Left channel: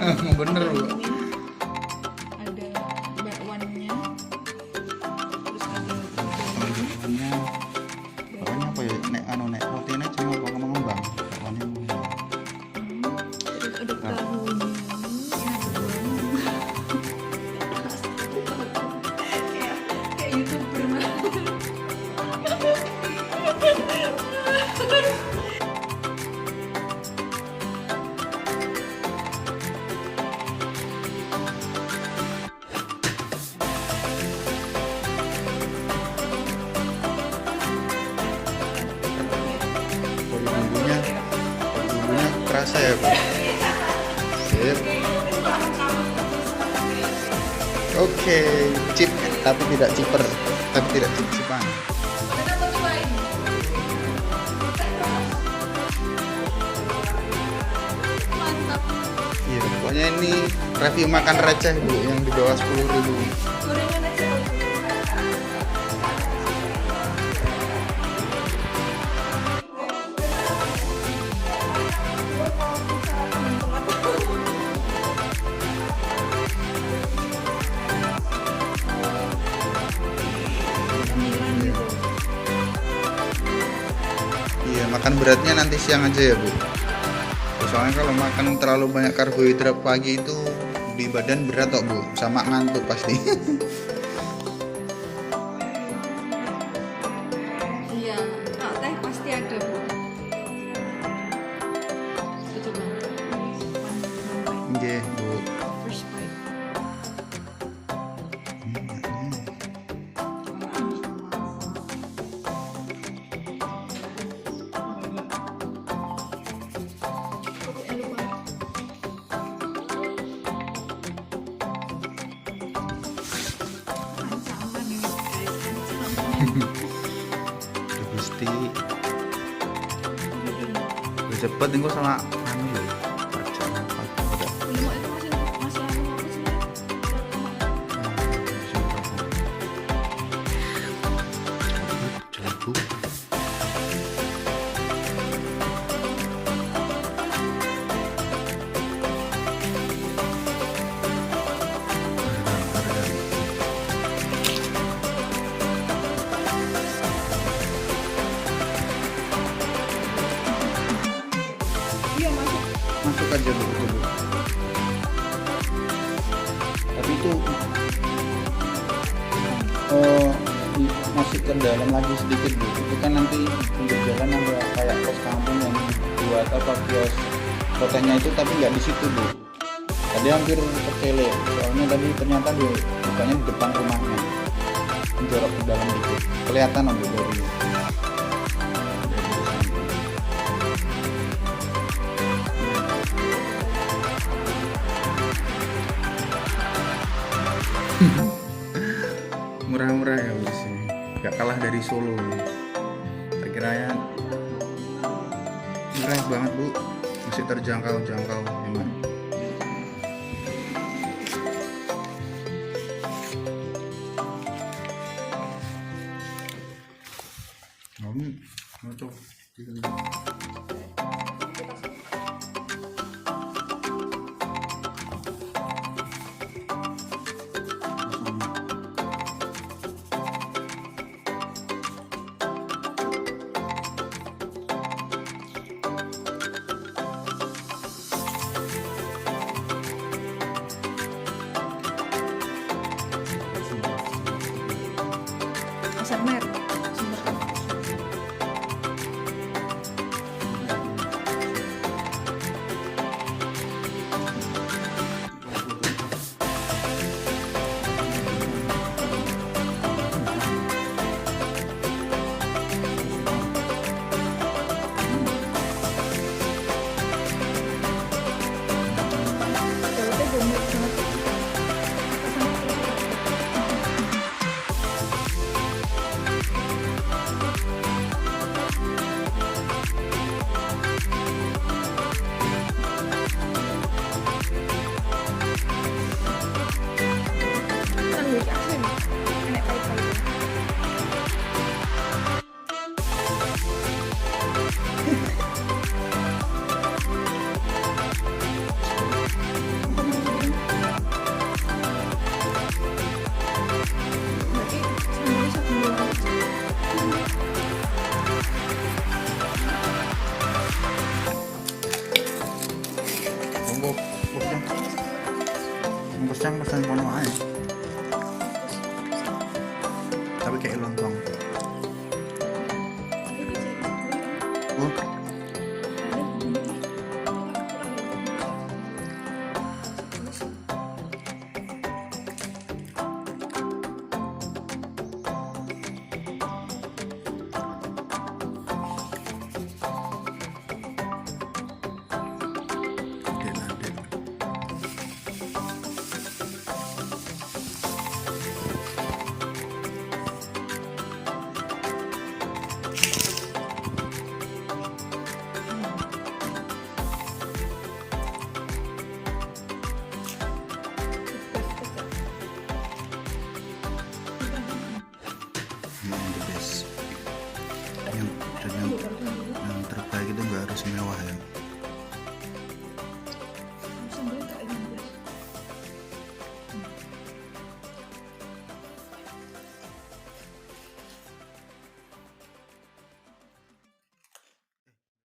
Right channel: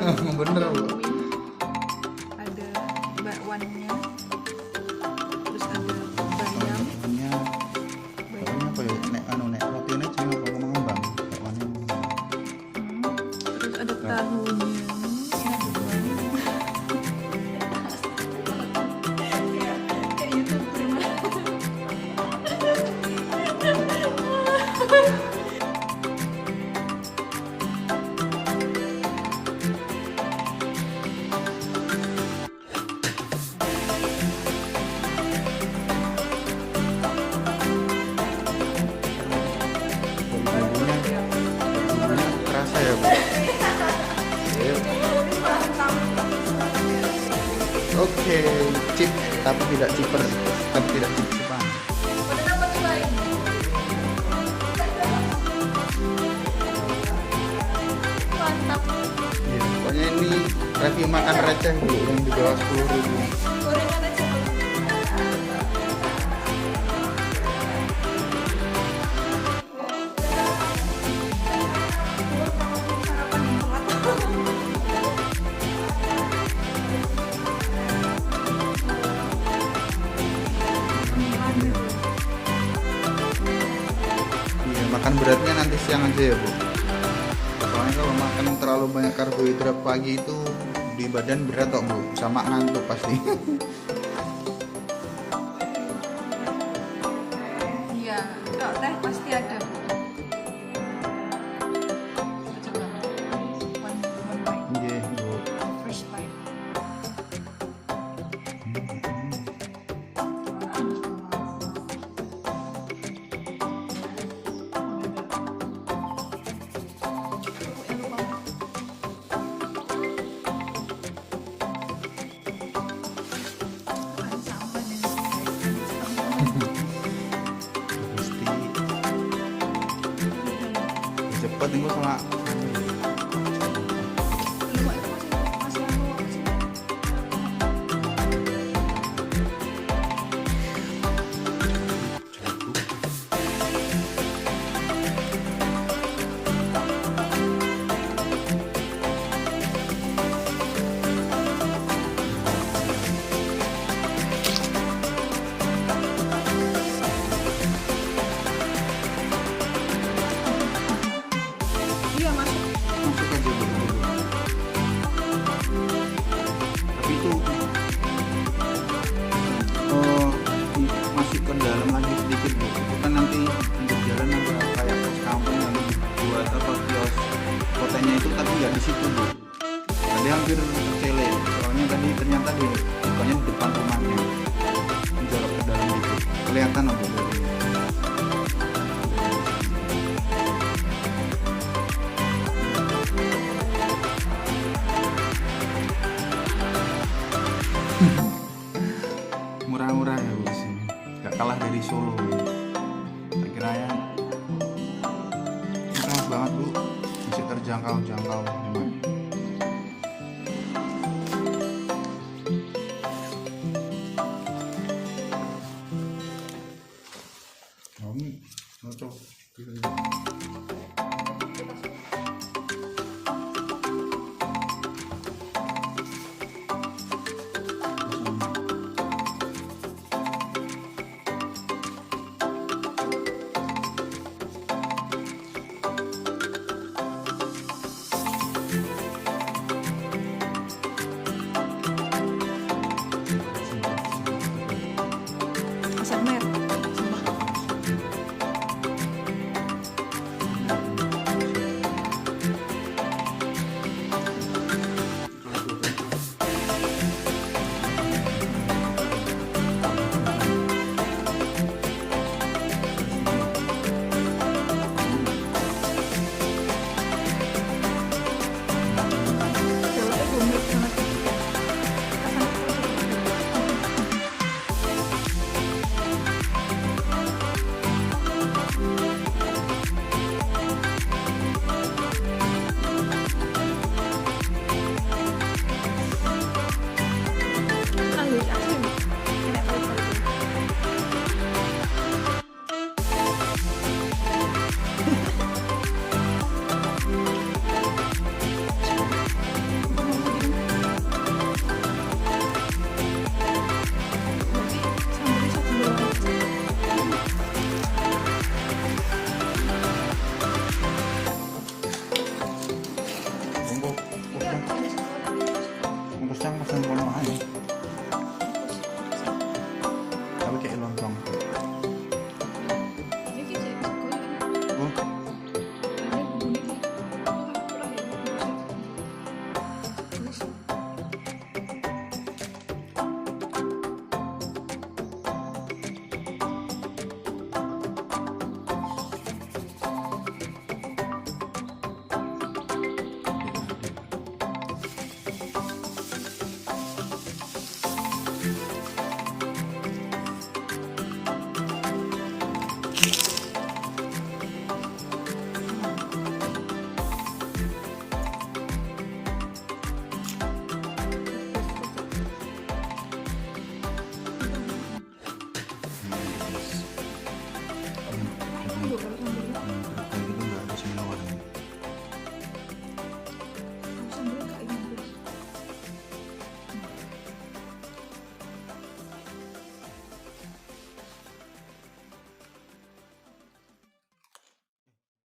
Ada bener Bu. vitamin, ada bakwannya, terus ada bayam. Bakwannya, bakwannya apa ya? Nek roti ini jenenge apa ngembang? Bakwannya ngembang. Terus ada tahunya, kayak YouTuber mah. Dari bumbunya kerasa ya Bu. Sip. Oke, chip tapi tidak ciper, tapi tidak cip-cipan. Mantap. Iya, pokoknya ini review makan receh Bu, yang di bawah 10.000. Iya, makan beratnya nanti siang aja ya Bu. Soalnya kalau makan terlalu banyak karbohidrat pagi itu di badan berat kok Bu, sama ngantuk pasti. Iya, kalau teh pasti ada Bu. Kita coba one bite, Nggih Bu. first bite. Pokoknya lupa. Ancaman ini guys, ancaman. Gusti. Udah cepet engko sama anu lho. Baca apa? Udah. Belum itu masih anu apa sih? Coba. Iya masuk. Masuk aja Bu dulu. Tapi itu masih ke dalam lagi sedikit Bu. Itu kan nanti pinggir jalan ada kayak pos kampung yang dibuat apa kios hotelnya itu, tapi nggak di situ Bu. Tadi hampir tercele, soalnya tadi ternyata dia bukanya di depan rumahnya. Jorok ke dalam dikit. Kelihatan Bu dari murah-murah ya Bu di sini. Gak kalah dari Solo. Saya kira ya murah banget Bu. Masih terjangkau memang. Cocok. ASMR semerep. Jawabnya gourmet banget. Rasanya terasa banget. Sandwich asin, enak pahit-pahit. Pusang. Pusang pesan kono ae. Tapi kayak lontong. Oh. Adik. The best. Yang terbaik itu nggak harus mewah ya. Sambelnya kayak gini.